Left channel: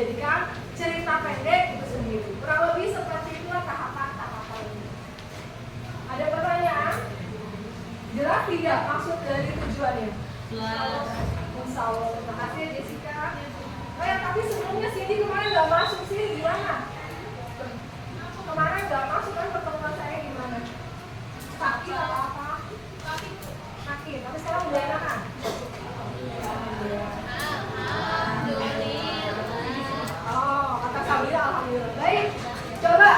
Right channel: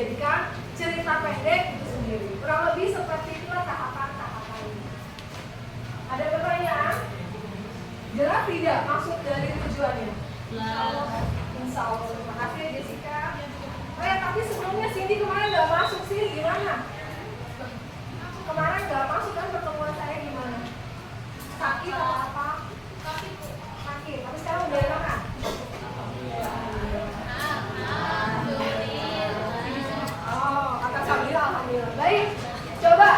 dijadikan cerita pendek itu sendiri. Kurang lebih seperti itulah tahapan-tahapan ini. Ada pertanyaan? Jelas tidak maksud dari tujuannya? Insya Allah. Terima kasih Jessica. Tapi sebelumnya Cindy kemarin nggak masuk sih, gimana? Kemarin nggak masuk kan pertemuan saya gimana? Sakit atau apa? Sakit. Tapi sekarang udah enakan? Oh, kata Sabila alhamdulillah. Baik, coba.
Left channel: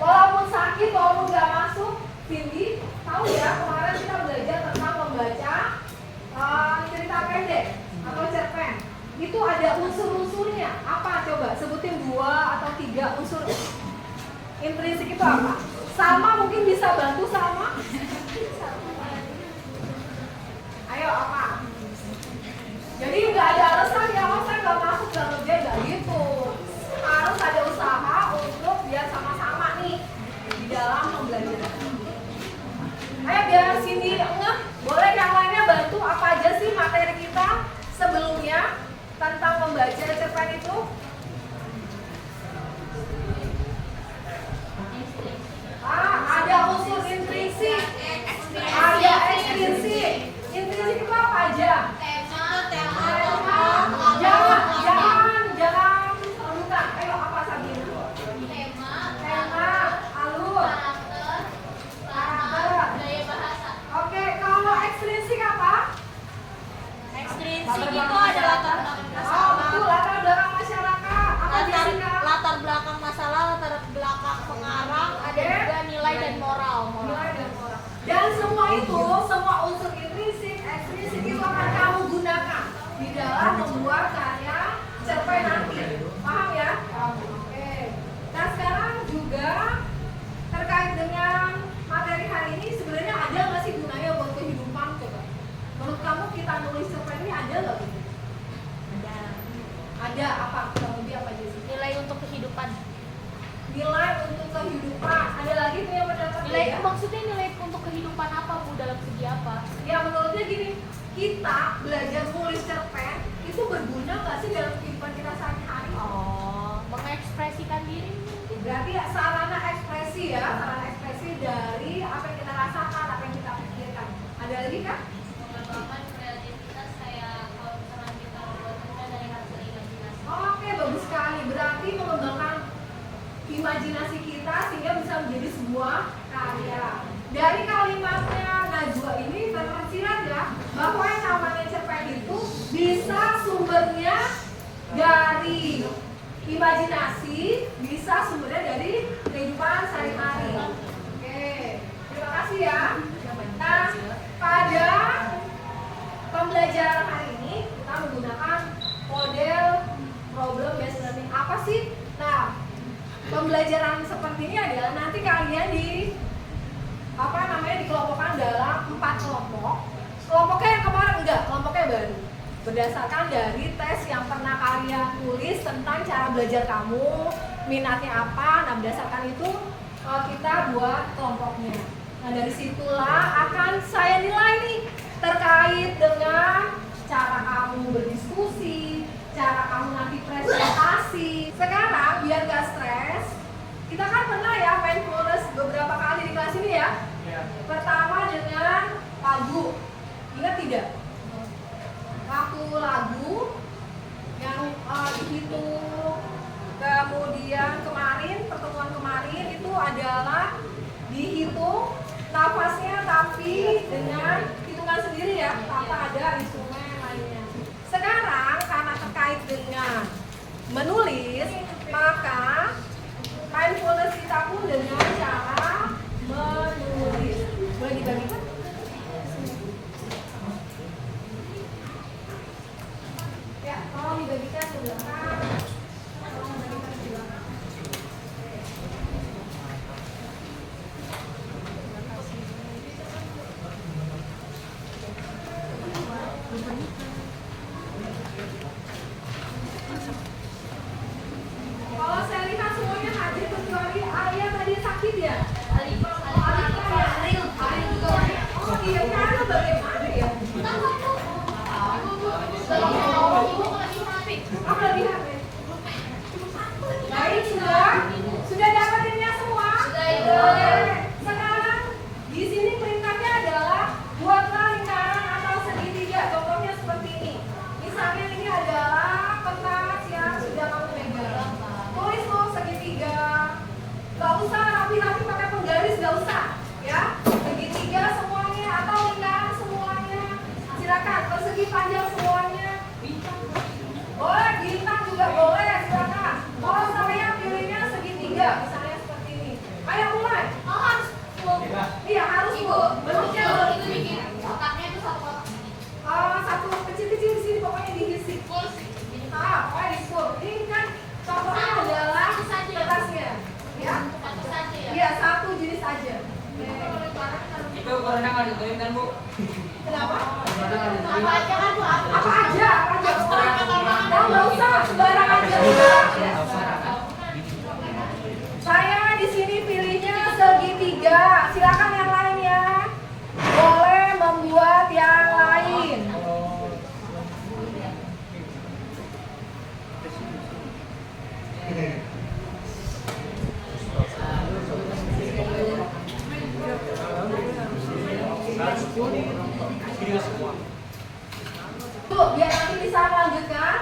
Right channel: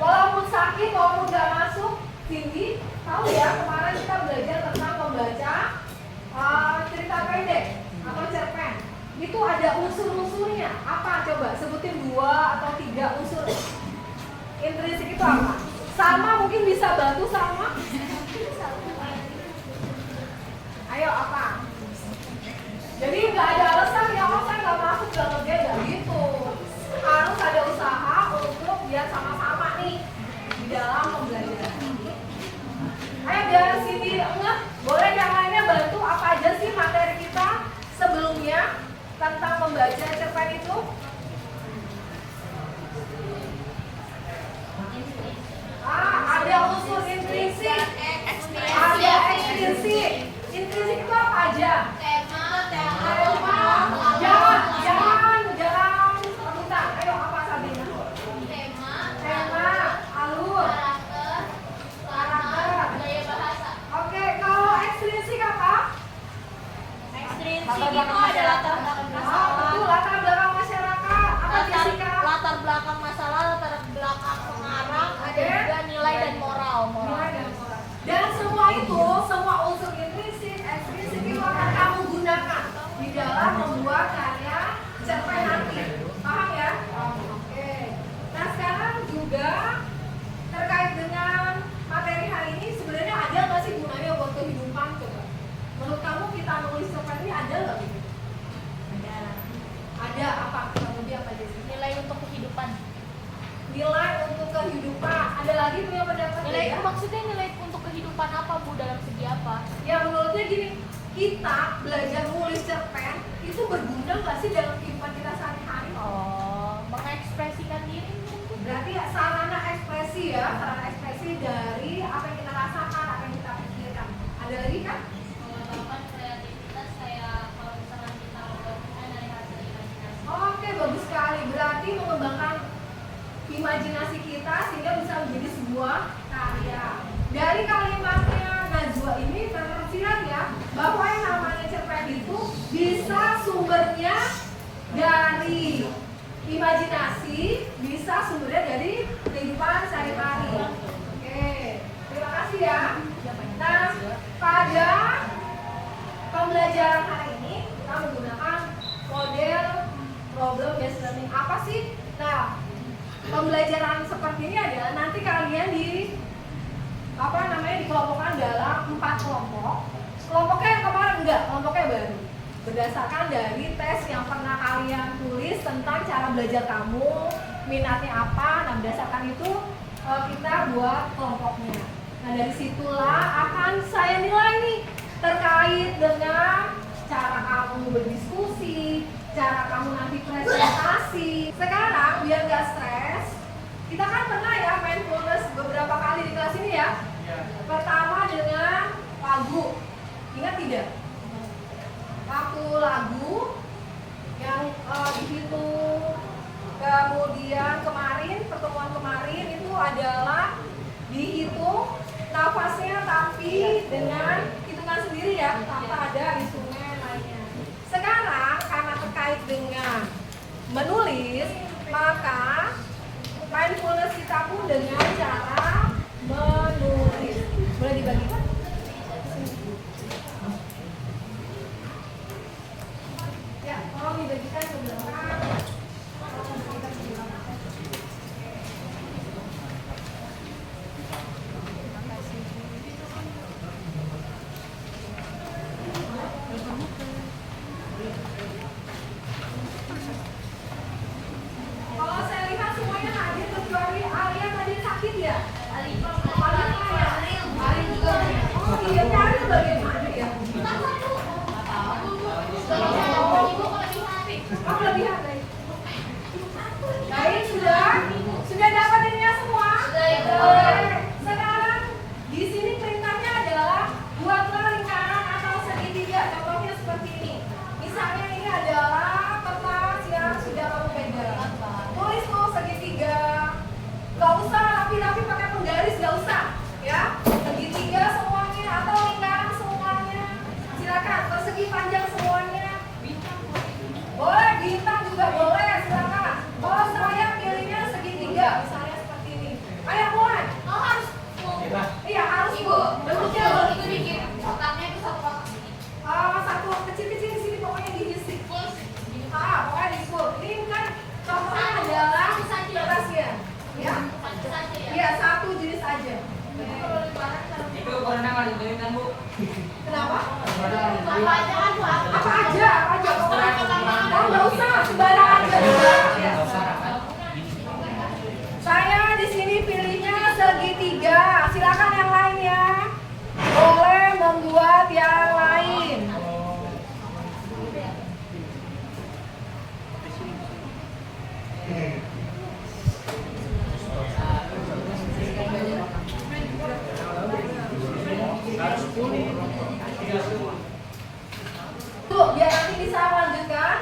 Walaupun sakit, walaupun nggak masuk, Cindy tahu ya kemarin kita belajar tentang membaca cerita pendek atau cerpen. Itu ada unsur-unsurnya. Apa coba? Sebutin 2 atau 3 unsur. Intrinsik itu apa? Sama mungkin bisa bantu sama? Ayo apa? Jadi nggak ada alasan ya saya nggak masuk dalam kerja gitu. Harus ada usaha untuk biar sama-sama nih di dalam pembelajaran. Ayo biar sini enggak. Boleh yang lainnya bantu apa aja sih materi kita sebelumnya tentang membaca cerpen itu? Ada unsur intrinsik, ada ekstrinsik. Intrinsik itu apa aja? Jangan minta. Ayo apa Sabina? Tema, alur, karakter, gaya bahasa. Oke, kalau ekstrinsik apa? Ekstrinsik itu ada latar belakang Oh, betul, latar belakang masyarakat. Apa Jessica? latar belakang masalah, latar belakang pengarang, ada Oke. juga nilai dan moral. Dan semua itu, semua unsur intrinsik, ekstrinsik itu akan kamu gunakan di dalam membuat karya cerpen nanti. Paham ya? Oke. Nah sekarang juga terkait dengan materi hari ini, sebenarnya ada nggak sih gunanya buat kehidupan coba? Menurut kamu kita nulis cerpen ini ada nggak gitu? Ada apa? Kemudian apa sih? Nilai untuk kehidupan. Nilai untuk kehidupan. Ada lagi punya pendapat? Nilai ya? maksudnya nilai untuk kehidupan apa Bu, dalam segi apa? Ya menurutnya gini, kita belajar nulis cerpen itu berguna nggak sih dalam kehidupan kita sehari-hari? Oh, mengekspresikan diri mungkin. Berarti ya, sarana ekspresi ya, sarana ekspresi dari apa yang kita rasakan, apa yang kita pikirkan. Ada lagi kan? Mengembangkan kreativitas kayak kalau misalkan kita membuatnya dari hasil imajinasi. Oke, bagus sekali. Berarti mengembangkan imajinasi kita sehingga bisa menjadi sebuah karya. Dari kalimatnya Najwa ini terlihat ya bahwa yang namanya cerpen itu bisa sumbernya dari imajinasi, bisa sumbernya dari kehidupan sehari-hari. Oke, terima kasih ya. Nah, pada pembelajaran hari ini kita menggunakan model problem based learning. Apa sih? Nah, pembelajaran seperti ini adalah nanti kalian dikelompokkan dalam 4 kelompok. Kelompoknya yang kemarin enggak, kelompoknya baru. Berdasarkan dari tes yang pernah kalian tulis tentang cara belajar kamu, minatnya apa. Nah, berdasarkan itu kita buat kelompoknya. Nah, dari situlah akan saya nilai nih terkait dengan cara kamu berdiskusi, cara kamu nanti presentasi. Sekarang biar gak stres, kita kan pernah ya mindfulness beberapa kali di kelas ini ya. Pertama dengan lagu, ingat tidak? Waktu lagu yang dihitung, kemudian kemarin pertemuan kemarin itu adalah dihitung nafasnya tapi dengan hitungan sendiri ya, tanpa ada instrumen lainnya. Sekarang karena terkait dengan menulis, maka mindfulness kita pun dengan cara menulis. Boleh dibagikan? Ya, tolong dibagikan sebentar. Kalau saya lihat semuanya hadir kecuali Alia tadi sakit ya? Oh iya, Ariel bagaimana ya? Oh, kelebihan dari Sudah dapatinnya semua? Sudah, Ibu. Oke. Sekarang di sini perintahnya adalah buatlah lingkaran atau segitiga. Contohnya seperti ini. Misalnya ini adalah kertas yang sudah kamu pegang. Tulis tuh segitiga. Gak usah rapi-rapi pakai penggaris, gak usah. Ya, segitiga semuanya atau lingkaran semuanya. Silakan persegi panjang semuanya. Boleh bintang juga boleh, silakan. Kalau saya pilihnya segitiga, misalnya seperti ini. Ayo mulai. Oh, harus full. Iya harus Ibu, Bu. bentuknya kalau itu bikin kotaknya itu satu kotak. Satu kecil-kecil di sini pokoknya diisi. Full. Pokoknya di full. Ini kan contohnya adalah kertasnya. Ya. Satu saja ya. Iya satu jenis aja. Kalau lingkaran kita Itu ukurannya nggak ditentuin kan Bu? Kenapa? apa aja kan Bu? Apa aja? Pokoknya. Oh, nggak usah sembarang aja. Ya. Saya di sini pilihnya segitiga. Silakan yang lain ya. Boleh membuat yang lain. Tuh, biar nanti bisa melanjutkan.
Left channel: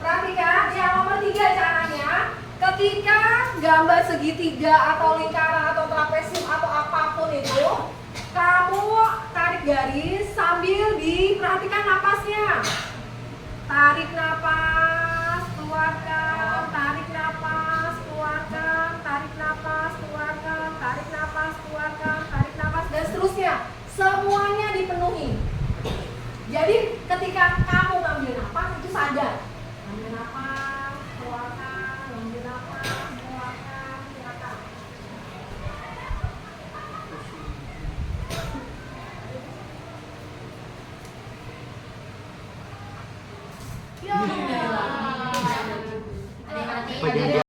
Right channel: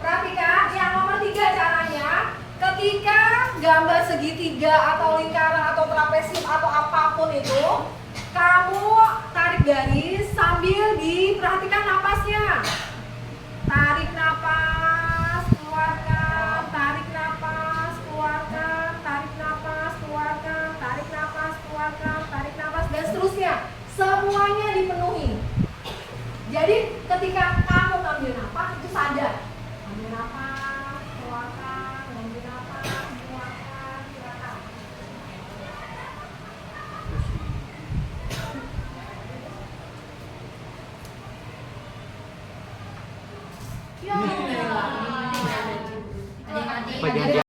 Perhatikan yang nomor 3 caranya. Ketika gambar segitiga atau lingkaran atau trapesium atau apapun itu, kamu tarik garis sambil diperhatikan napasnya. Tarik napas, keluarkan, tarik napas, keluarkan, tarik napas, keluarkan, tarik napas, keluarkan, tarik napas, dan seterusnya. Semuanya dipenuhi. Jadi ketika kamu ngambil napas itu sadar. Ambil napas, keluarkan, ambil napas, keluarkan, silakan. Bagian dia.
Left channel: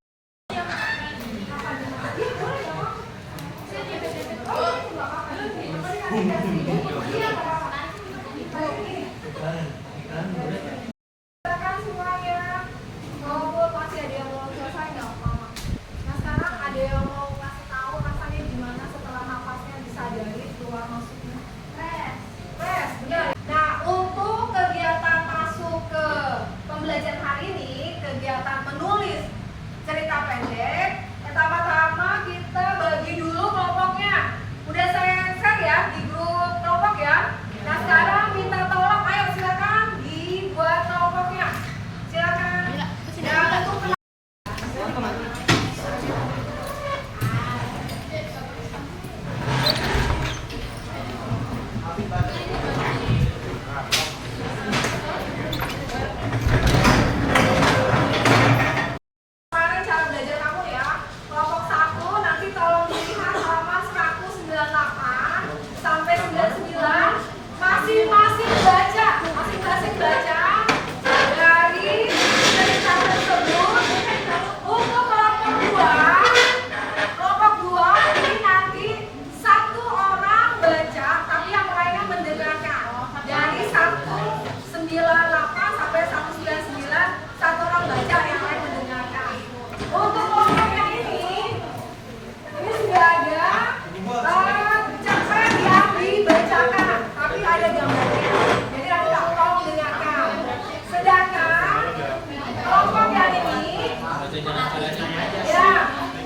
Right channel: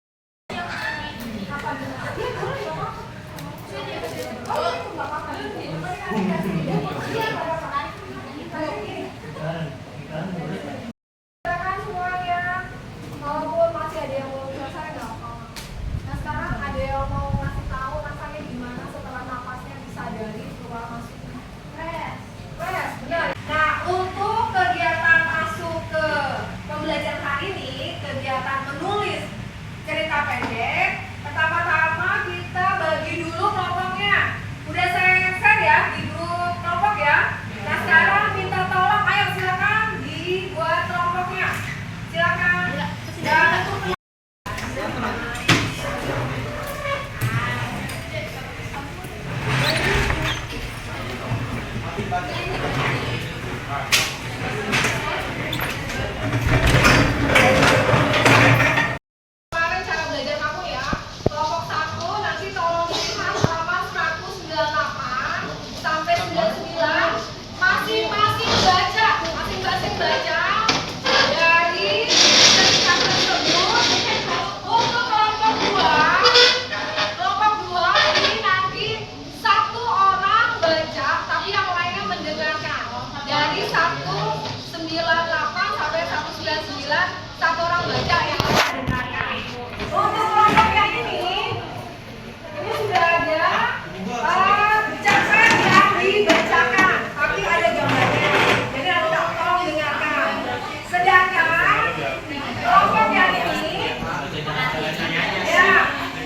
Silakan semuanya. Walaupun masih ada yang belum selesai nggak apa. Nah sekarang ada yang mau ngasih tahu rasanya gimana setelah napasnya disadari keluar masuknya. Fresh, benar. Nah untuk kegiatan masuk ke pembelajaran hari ini, kegiatan menulis cerita pendek. Pertama-tama kita bagi dulu kelompoknya. Udah saya share ya di grup kelompok ya. Nah sekarang minta tolong, ayo silakan dibuat kelompoknya. Silakan. Dan untuk kemarin cara belajar kamu ya. Kelompok 1 nanti tolong dilihat halaman 198 sampai 99. Masing-masing baca dari cerita tersebut. Untuk kelompok 2 ini nanti satu orang baca, tapi yang lainnya mendengarkan. Dari 198 sampai 199, satu orang baca, yang lain mendengarkan. Untuk kelompok yang ini sudah ada cerpen yang dibacakan, tapi ada gambarnya. Jadi nanti tolong dengarkan. Sedangkan kelompok yang ini, ya,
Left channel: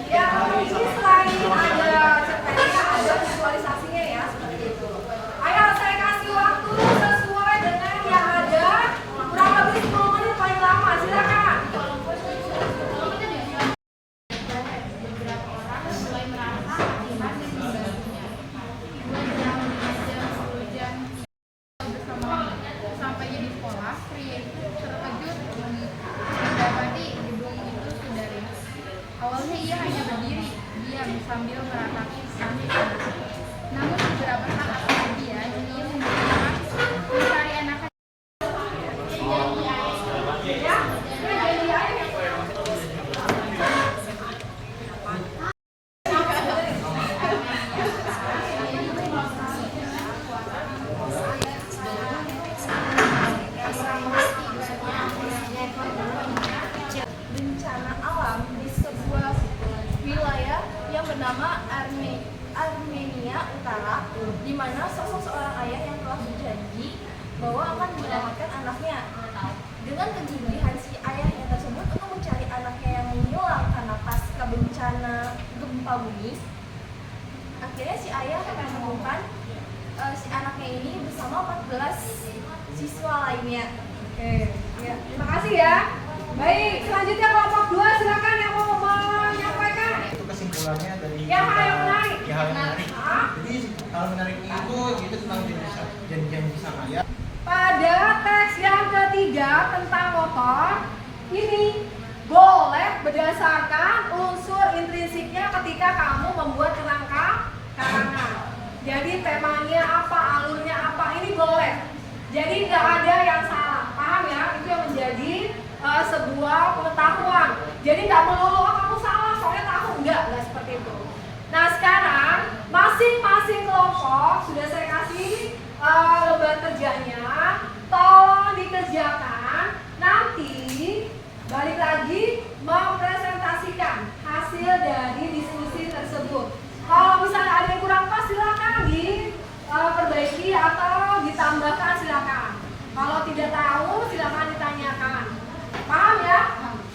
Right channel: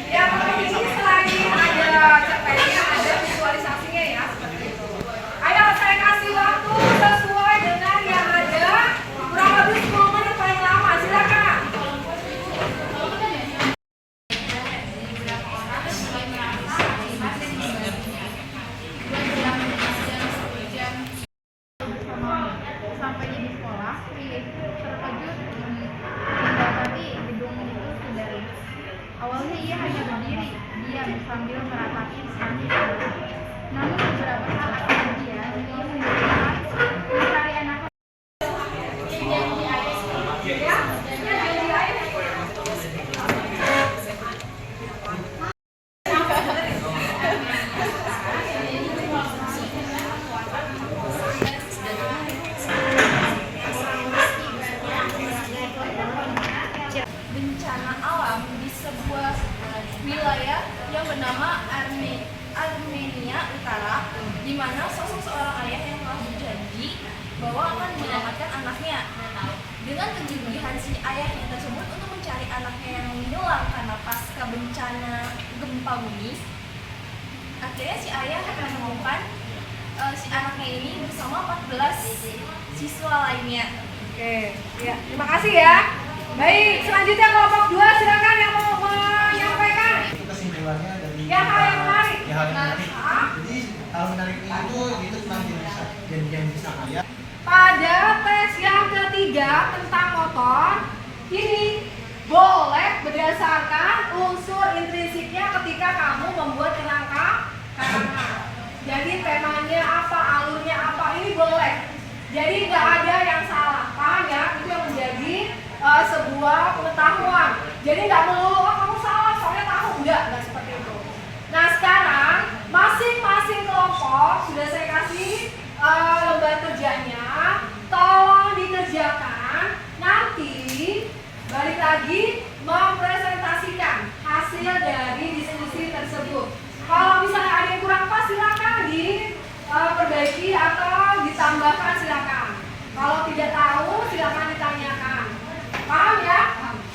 yang ini selain ada cerpennya, ada visualisasinya ya, seperti itu. Ayo saya kasih waktu sesuai dengan yang ada, kurang lebih 10 menit paling lama. Silakan. Sampai di sekolah, lanjut mendapati gedung itu sudah rusak. Awalnya ia hanya berdiri, diam sambil meratapi sambil berdiri. Namun beberapa saat kemudian ia mencari anak Bencana alam bernama Armenia Utara, di mana sosok seorang ayah yang telah berjanji bahwa akan menyelamatkan anaknya. Dengan kegigihan si ayahnya tersebut untuk mencari anaknya yang menghilang karena pasca bencana gempa bumi, akhirnya si ayah akan menemukan si anaknya ini bersama 14 siswa lainnya. Oke, ya. Terima kasih ya. Baik, selanjutnya kelompok 2 silakan yang mau menyampaikan. Itu kesimpulannya dari Ya, hal yang menarik. Ya, hal yang menarik. Ah. Jadi hal menarik itu tentang janji saya. Pada tes yang ketiga tentang motor, ini boleh berdasarkan unsur intrinsiknya ketika kamu membuat kerangka karangan. Jadi temanya apa, alurnya apa, ini boleh. Jadi nggak ada yang salah, paham ya? Itu yang menjadi sebuah pengetahuan. Jadi nggak melulu oh, kamu salah, soalnya tahu nggak seperti itu. Nah sekarang masing-masing kelompok sudah saya kasih lembar kerjanya, tolong dikerjakan. Nanti balik lagi mempresentasikan hasil dari diskusi tersebut. Kalau misalnya ada yang kurang pas silakan diperbaiki atau ditambahkan silakan. Kalau tidak tahu silakan ditanyakan. Paham ya?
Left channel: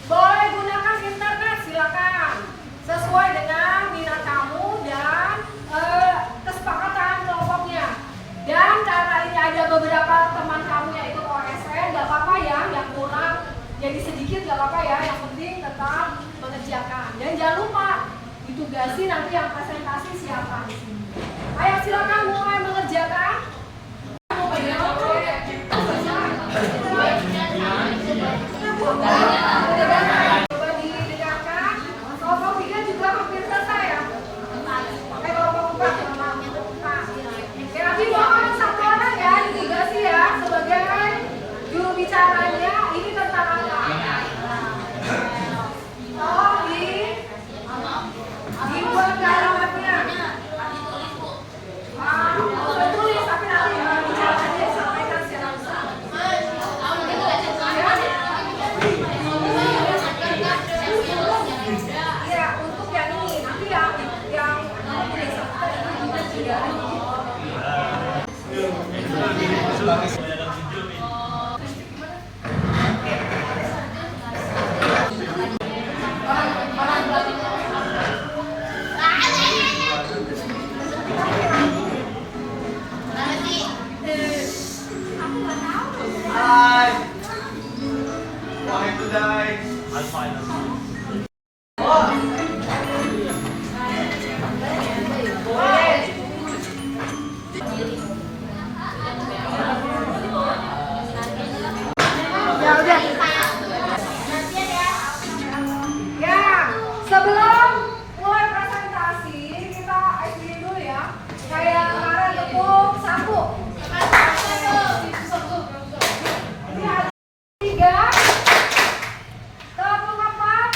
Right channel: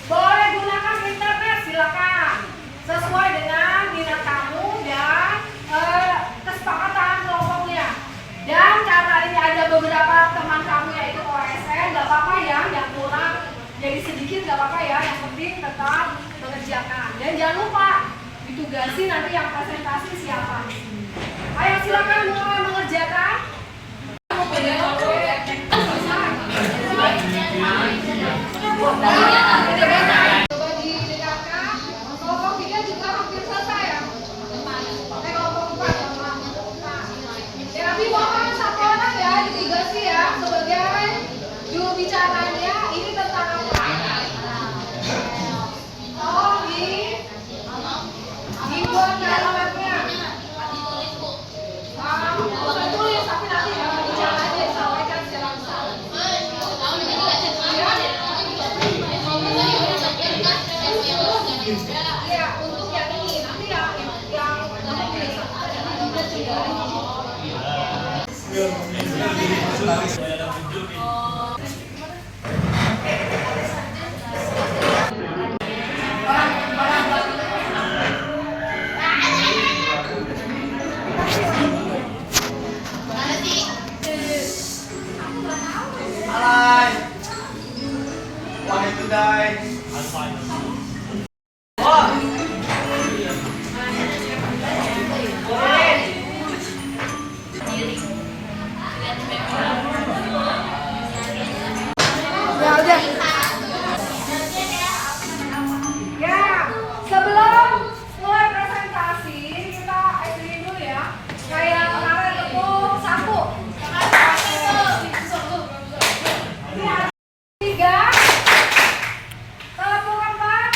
Boleh gunakan internet silakan sesuai dengan minat kamu dan kesepakatan kelompoknya. Dan karena ini ada beberapa teman kamu yaitu OSN, nggak apa-apa ya, yang kurang jadi sedikit nggak apa-apa ya, yang penting tetap mengerjakan. Dan jangan lupa ditugasi nanti yang presentasi siapa. Ayo silakan mulai mengerjakan. Coba didengarkan. Kelompok 3 juga hampir selesai ya. Kelompok 4. Ya, tapi mohon satu orang ya ditugasi ya sebagai juru bicaranya. Ini tentang apa? Tolong dibuat kalimatnya. Usah tulis tapi nanti bicara aja sampaikan secara besar. Ya, untuk yang ini nanti yang nomor 31. Sebelum mulai presentasi, kita explain dulu ya. Kayak kemarin tepuk 1. Ini ada 3. Tepuk 4.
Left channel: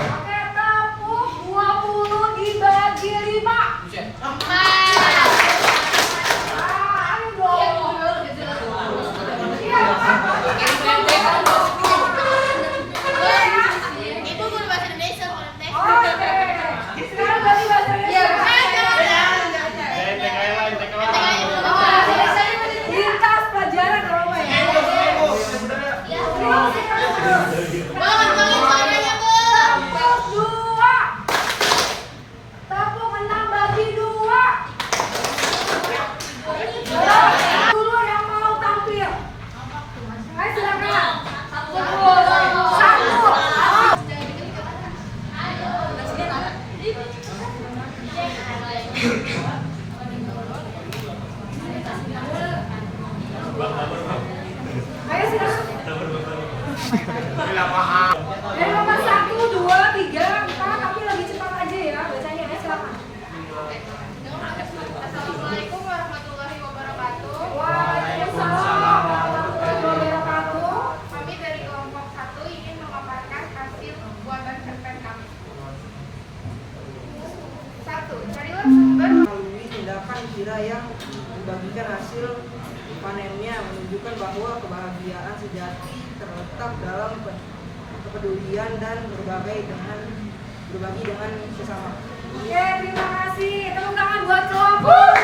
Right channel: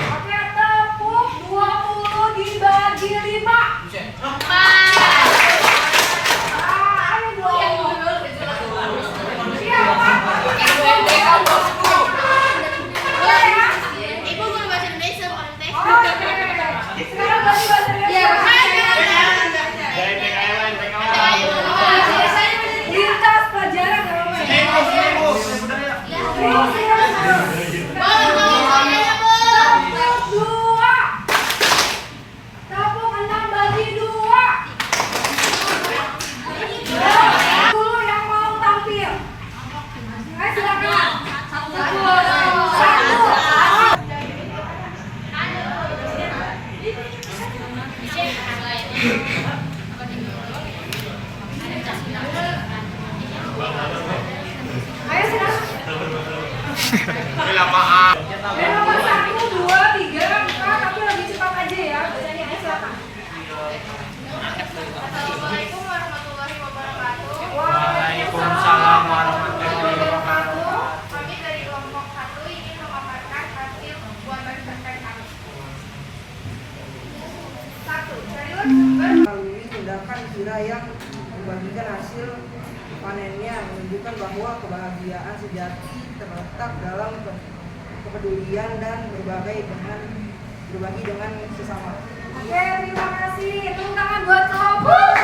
Oke, tepuk 20 dibagi 5. Ayo dong. Iya, Oke, sekarang ganti bahasa Indonesia. Lintas pelajaran kalau ya. Tepuk 2. Tepuk 6 bagi 2. Dulu yang mau tampil. Ayo silakan. 1. Ayo silakan. Dari nomor 1, 2, 3, 4, tapi lebih cepat aja ya bacanya. Ayo silakan. Assalamualaikum warahmatullahi wabarakatuh. Waalaikumsalam warahmatullahi wabarakatuh. Kami dari kelompok 1 ingin memaparkan hasil buatan cerpen kami. 1. Carilah sumber melalui tindakan kira yang membagikan hasil panennya menunjukkan bahwa kebahagiaan sejati terletak dalam kepedulian dan berbagai dengan berbagi dengan sesama. Oke, terima kasih. Tepuk tangan buat kelompok.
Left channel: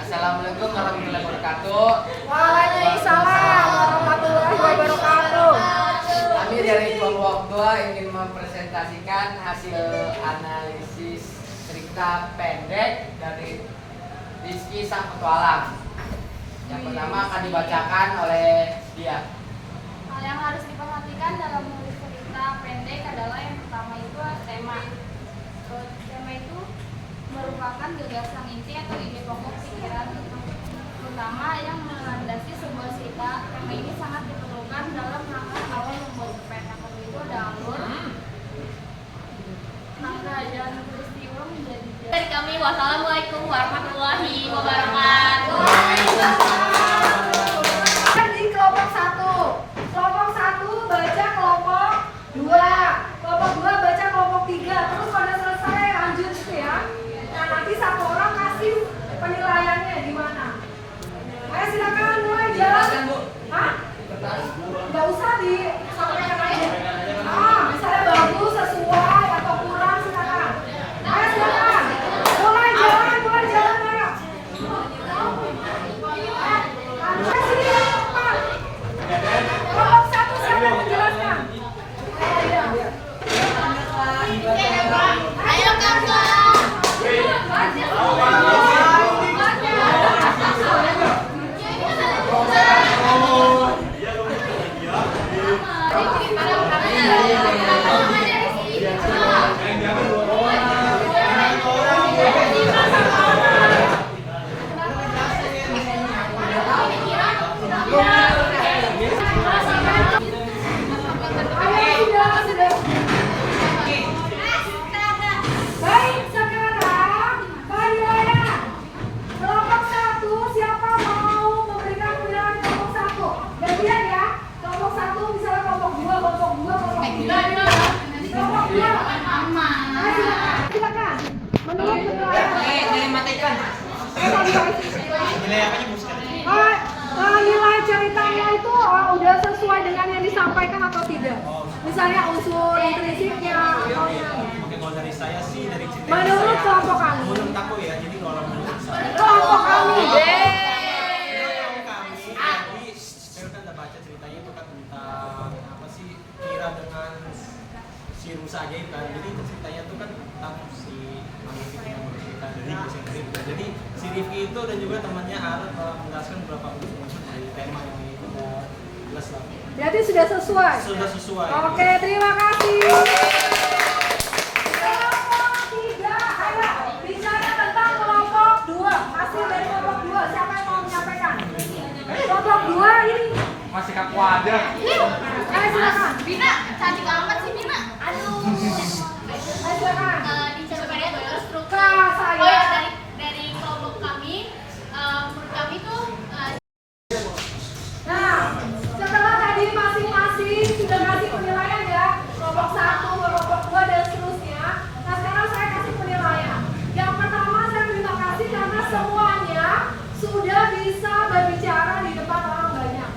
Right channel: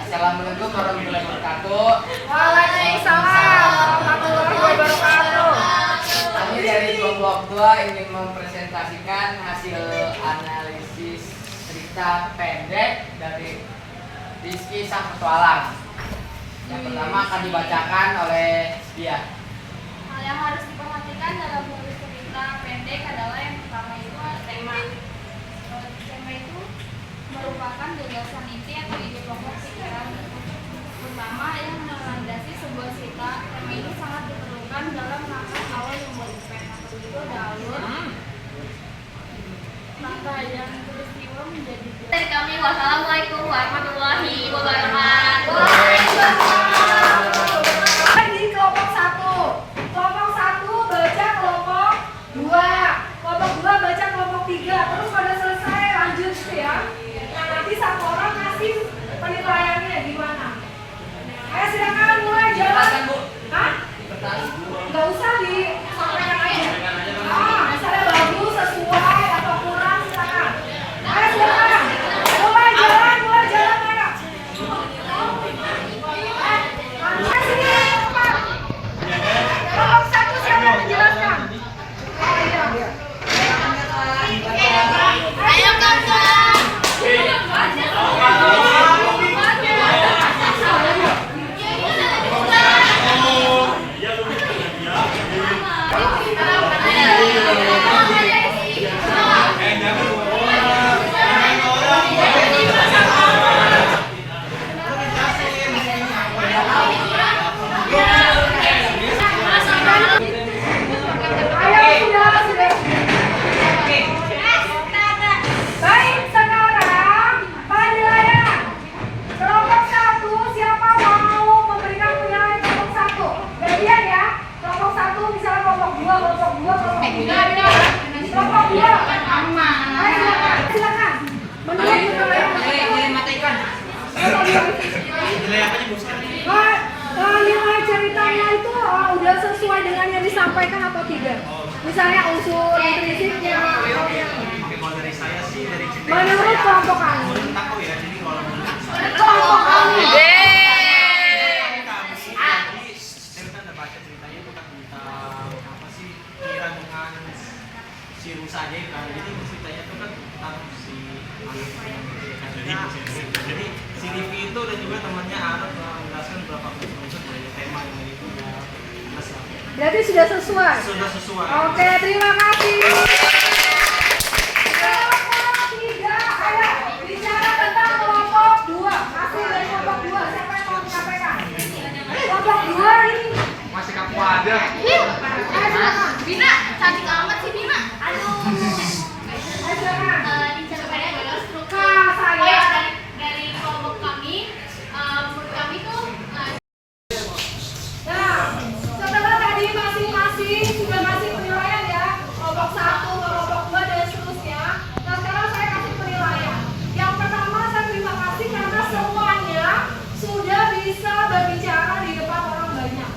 Assalamualaikum warahmatullahi wabarakatuh. Waalaikumsalam warahmatullahi wabarakatuh. Kami dari kelompok 2 ingin mempresentasikan hasil analisis cerita pendek dari Rizky Sang Petualang. Yang pertama akan dibacakan oleh dia. Hal yang harus diperhatikan dalam menulis cerita pendek adalah yang pertama itu tema. Tema itu merupakan gagasan inti atau ide pokok pikiran pertama yang melandasi sebuah cerita. Tema ini sangat diperlukan dalam langkah awal yang berpikir atau itu ada alur, langkah dan peristiwa menjadi. Dari kami, wassalamualaikum warahmatullahi wabarakatuh. Jadi kelompok 1. Kelompok 1 baca kelompok 2. Kelompok 2 baca kelompok 3. Terus kalau selesai lanjut gitu ya. Nah, nanti satu orang kasih penilaiannya gimana. Ayo silakan mulai jalan. Hah? Nggak usah disampaikan aja. Misalnya bagus, sesuai atau kurang silakan. Ayo silakan. Mulai jalan ayo. Ayo sini cepat. Kelompok 1 siapa yang menjelaskan? Ayo kakak. Sudah. Baik, sekarang penilaian. Kelompok 1 siapa mau memberikan penilaian kelompok 1? Gantian ya. Kelompok 1 misalnya kelompok 2, kelompok 2, kelompok 3. Kelompok 2. Ayo silakan. Menilai penilaian. Mata ikan. Nilai apanya Bu sekarang? Nilai ceritanya itu udah sesuai dengan yang disampaikan atau tidak? Misalnya unsur intrinsipnya. Oke, kalau dari saya sih dari cerita Menurut kelompok kami. menurut aku ya, jadi walaupun Kelompok kami. jadi saya kan udah baca ceritanya itu kan tentang apa sih Kira dengan si Rusa aja kan. Jadi ceritanya itu kan tentang si Malik yang menceritakan. Jadi si Rivi itu dan juga temannya Arab menjelaskan beberapa unsur dari tema yang itu udah jelas lah. Berarti sudah sesuai. Sudah sesuai. Oke, terima kasih. Kelompok 3, ayo bicara tentang kelompok 2. Hasil dari kelompok 2, siapa yang mau menyampaikan? Kelompok 2 ini. Masih kaku ada. Ayo silakan. Bina, cantik amat sih Bina. Aduh. Ayo silakan. Dicapai adalah struktur. Kak, saya. Oh ya, dari kelompok kami, menurut kami tuh Nah, setelah tadi masing-masing sudah ngasih penilaian ya, kelompok 1, kelompok 2 dan seterusnya. Nah, sekarang saya kasih penilaian. Yang pertama saya terima kasih karena semuanya sudah bisa berbicara di depan orang banyak.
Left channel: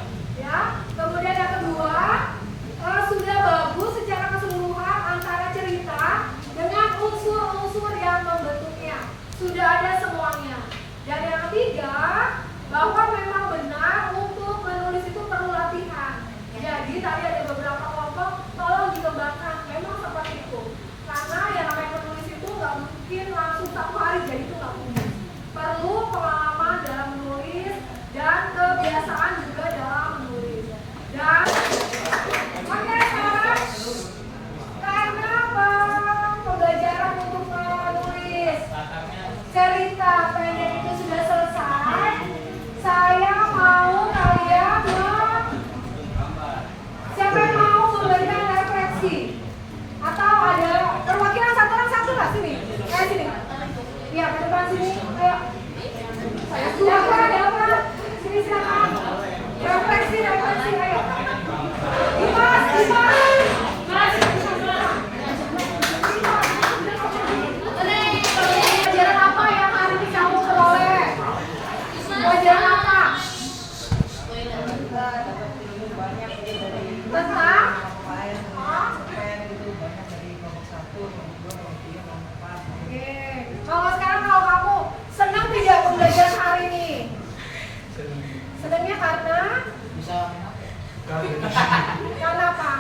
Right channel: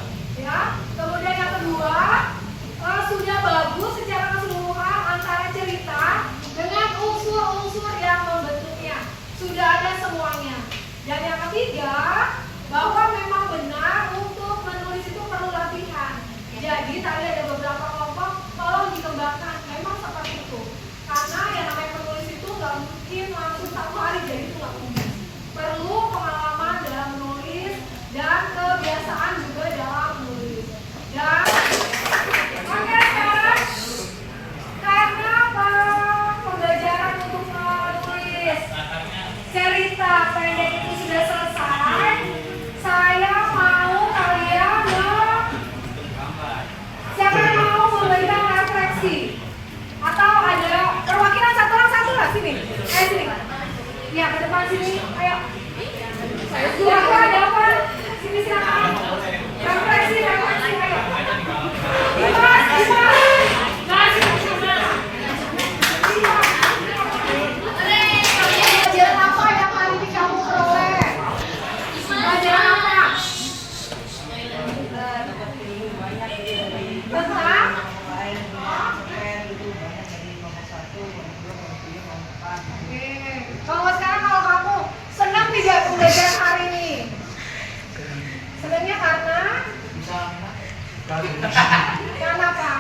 Karena apa?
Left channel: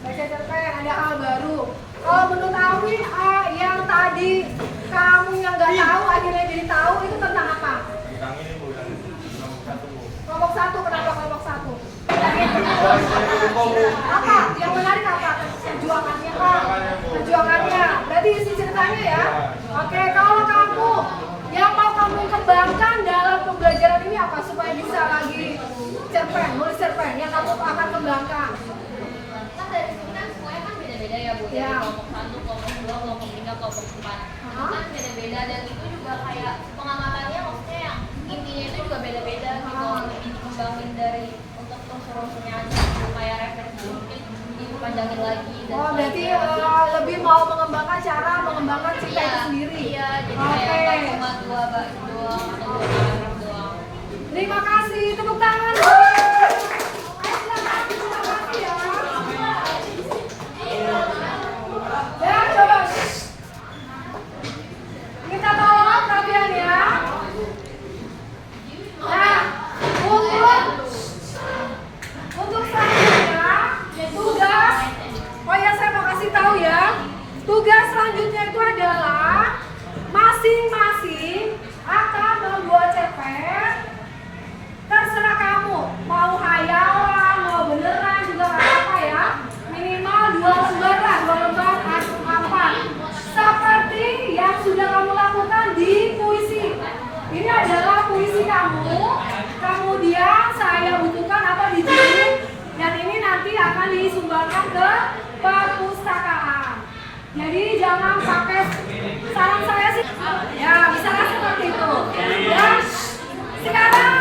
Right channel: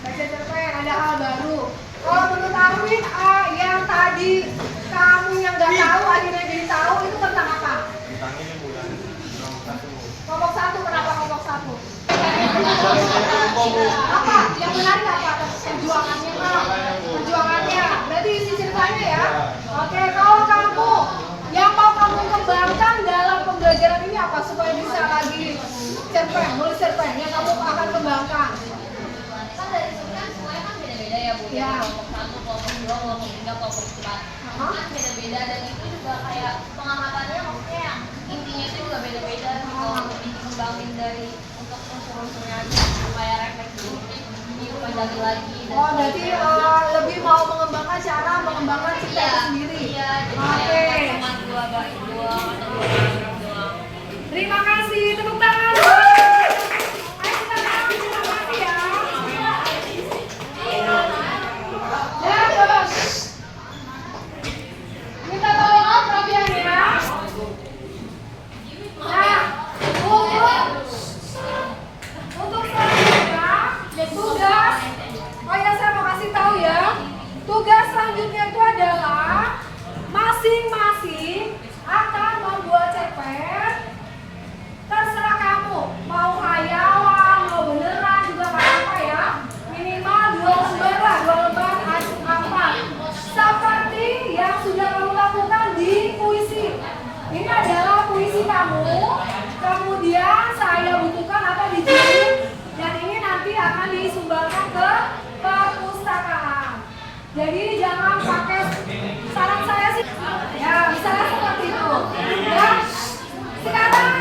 Baca cerpen, ada hal baru. Kalau menurut Alvin, yang tadi kamu yang nggak tahu akhirnya jadi tahu itu tentang apa? Kelompok 1, kenapa kelompok 1? Apa? Yang menarik apa? Perjuangannya Pak. Perjuangannya. Berarti isi ceritanya ya. Oke, kalau kamu yang mau kamu kembangkan dalam pembelajaran ini apa supaya bisa lagi cerpen, nulis cerpen yang kamu akan kembangkan? Kan dari sini kan semuanya kan beda-beda ya Bu. Ya. Kelompok 1, kelompok 2, kelompok 3, kelompok 4. Kan beda-beda dan itu juga kayak pengamatannya maksudnya yang intinya itu juga beda-beda gitu. Dikembangin dari untuk unsur-unsurnya supaya refleksi mungkin dipandangin lagi. Oh, berarti lebih mau mengembangkan cara mengembangkan cerita itu sendiri. Iya, jadi Oke. kayak cuma dua doang atau dua doang. Terima kasih, tepuk tangan. Ayo silakan, terima kasih ya. Ya, coba. Minta tolong kalian ya. Nah, untuk selanjutnya tugas. Oh ya, saya mau kasih tahu ya. Tugas selanjutnya itu adalah masing-masing akan membuat cerpen. Terserah kamu, mau hayalan, mau beneran juga nggak apa-apa ya. Minimal 2 lembar lah, 2 lembar apa. Seperti yang sudah kamu lakukan di puisi. Ini adalah puisi kamu. Kemudian saya butuhkan apa di sini. Dan ini nanti akan disumbangkan ke perpustakaan. Jadi jangan pakai, saran saya sih, ya misalnya seperti itu. Dan sekarang